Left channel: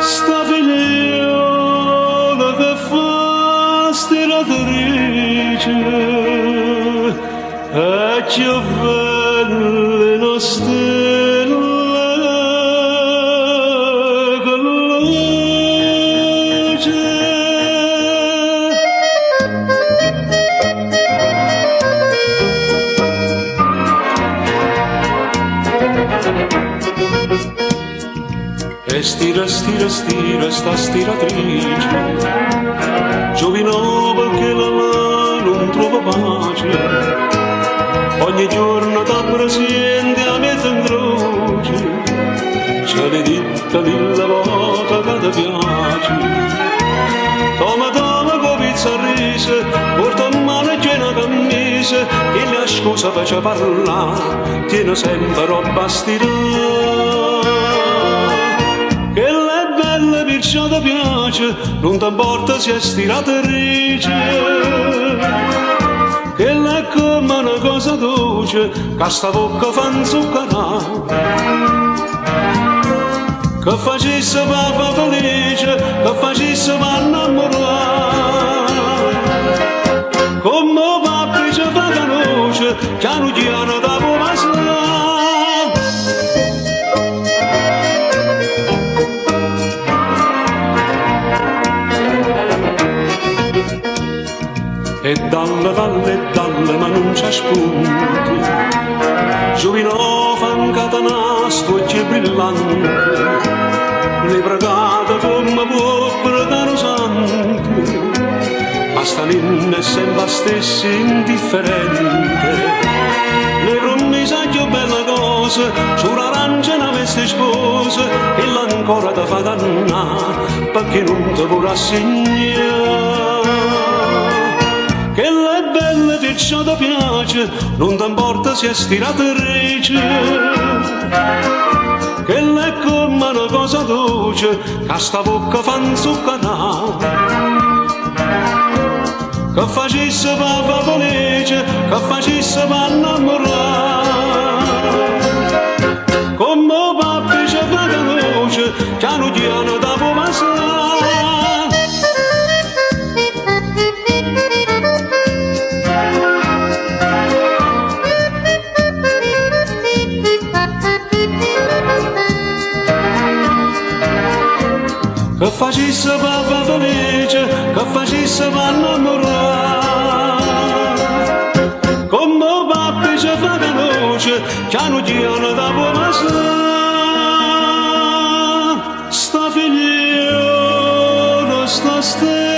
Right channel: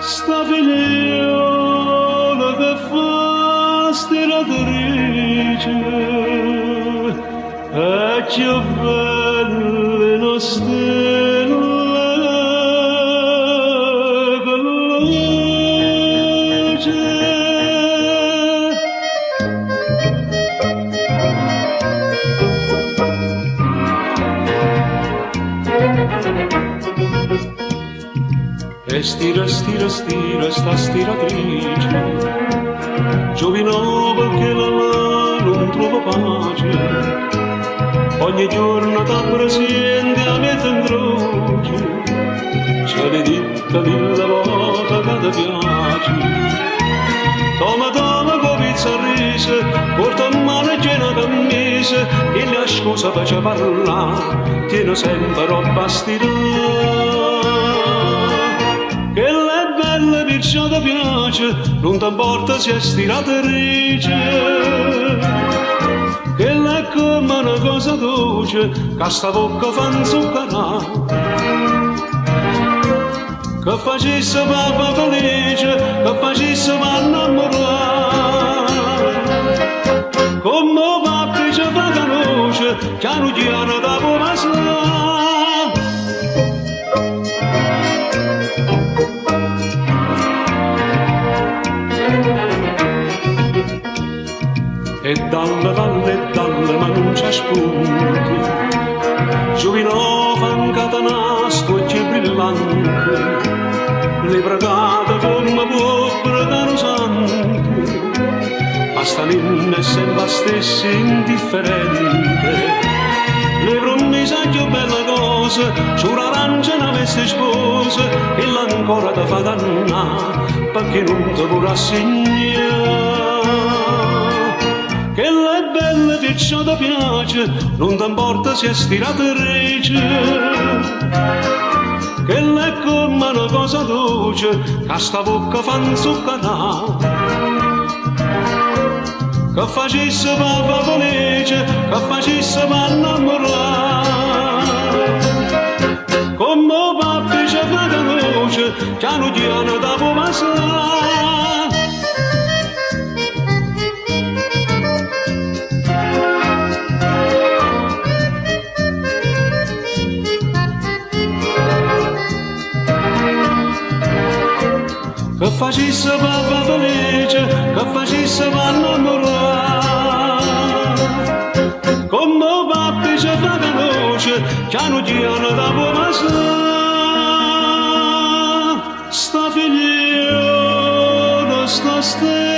Sta figliuola che fa stiratrice e che belle le stelle che luce. E stira, stira, stira, sta stiratrice, giovinova che la non trova pace, ogni giorno t'abbrasiende a mezzo in croce, c'è le dita della volta che ti piace. Toma, toma, copizza a rise, porta in mano e piena cammise, e la scusa faccia parlare, tiene sempre roba stirata. Che la bella perciò ti piace, non t'importa se è stiratrice. Che la è come una cosa dolce, che sta bocca fa inzuccherà. Che facesse papà felice, che facesse papà innamorare. Come papà ci fa conosce, piano piano da può passare. E dalle, ma non c'è spunto, giovinova in catanastro e c'è brillante, le pregate come può pregare santo, ma sta ninna è sempre stessa indifferente, le promise più belle cose, sull'arancia una veste sposa, e l'ancora ti fa dannare, perché non ti vuole assegnare. Che la bella perciò ti piace, non t'importa se è stiratrice. Che la è come una cosa dolce, che sta bocca fa inzuccherà. Che facesse papà felice, che facesse papà innamorare. Come papà ci fa conosce, piano piano da può passare. Che facesse papà felice, che facesse papà innamorare. Come papà ci fa conosce, piano piano da può passare. Sta figliola, sta stella.